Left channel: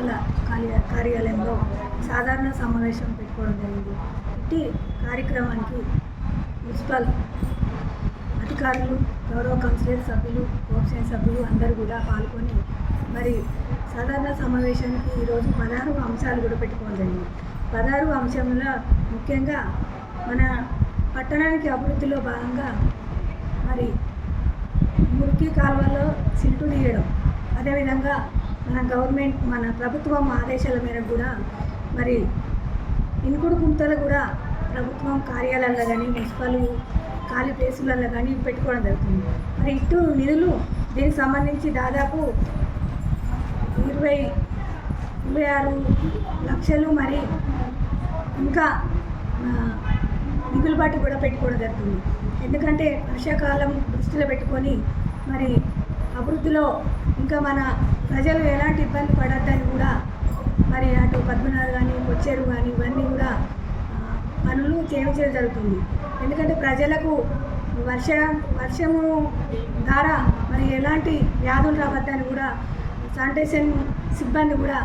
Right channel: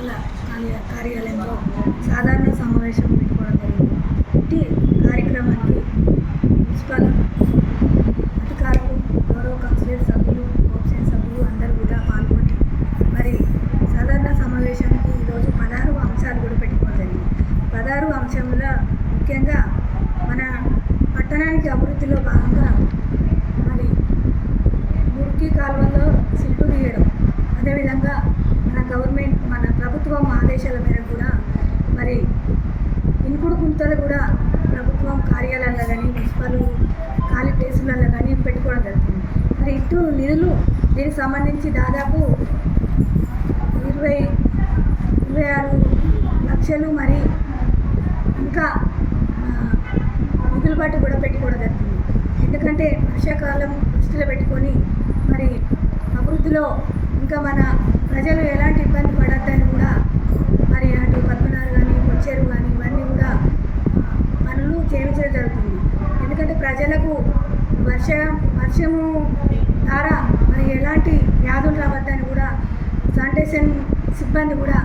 Municipal కార్యాలయంలో సాధారణ సమావేశం పెట్టుకోవడం జరిగింది. ఇట్టి కార్యక్రమానికి మున్సిపల్ అధికారులు, గౌరవ కౌన్సిలర్ సభ్యులు, కోఆప్షన్ సభ్యులు అందరూ కూడా పాల్గొని మరి సాధారణ సమావేశానికి ఈరోజు 16 అంశాలు కూడా పెట్టుకోవడం జరిగింది. 16 అంశంలో ముఖ్యంగా మన పట్టణానికి అభివృద్ధిలో భాగంగా మరి మురికి కాలువల్లో సిల్టు తీయడం, అదేవిధంగా మన ప్రభుత్వం ఆదేశాల మేరకు కూడా మరి ఇన్కుడు గుంతలు కూడా ప్రభుత్వం కార్యాలయాల్లో కానీ మున్సిపల్ ఖాళీ ప్లేసులలో కానీ పెట్టుకోవడం జరుగుతుంది. మరి ఇటు నిధులు దీనికి సంబంధించి దాదాపు 26 లక్షలు మరి ఇంకా మిగులుబాటు కూడా పెట్టుకోవడం జరుగుతుంది. ఎందుకంటే వర్షాకాలం దృష్టిలో పెట్టుకొని మరి అభివృద్ధిలో ఇంకా మన ప్రజలు ఎలాంటి ఇబ్బంది పడద్దని కూడా మరి అటు పద్మనాభ కానీ కొచ్చేరు కానీ ఇవన్నీ కూడా పనులు చేయించడం జరుగుతుంది. ఎందుకంటే ప్రజలకు వర్షము ద్వారా మరి ఎలాంటి వ్యాధులు రావద్దని కూడా శానిటేషన్ సిబ్బంది కూడా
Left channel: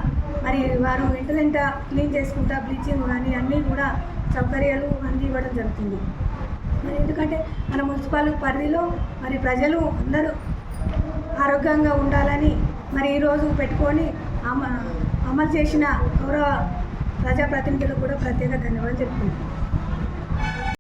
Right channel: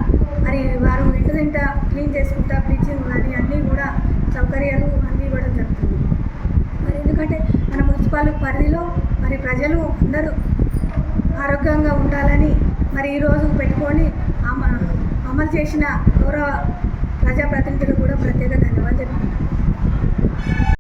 మరి వారు వెంట క్లీన్ చేసుకుంటా బ్లీచింగ్ కానీ అన్నీ కూడా సౌకర్యాలు అందివ్వడం జరుగుతుంది. మరి ఎందుకంటే మన మున్సిపల్ పరిధిలో మరి ప్రజలు అందరూ ఆరోగ్యంగా ఉండాలని మరి ఈరోజు పెట్టుకొని అమలు చేసిన గౌరవ ప్రజాప్రతినిధులకు కూడా ప్రత్యేక ధన్యవాదాలు చెప్పుకుంటున్నాను.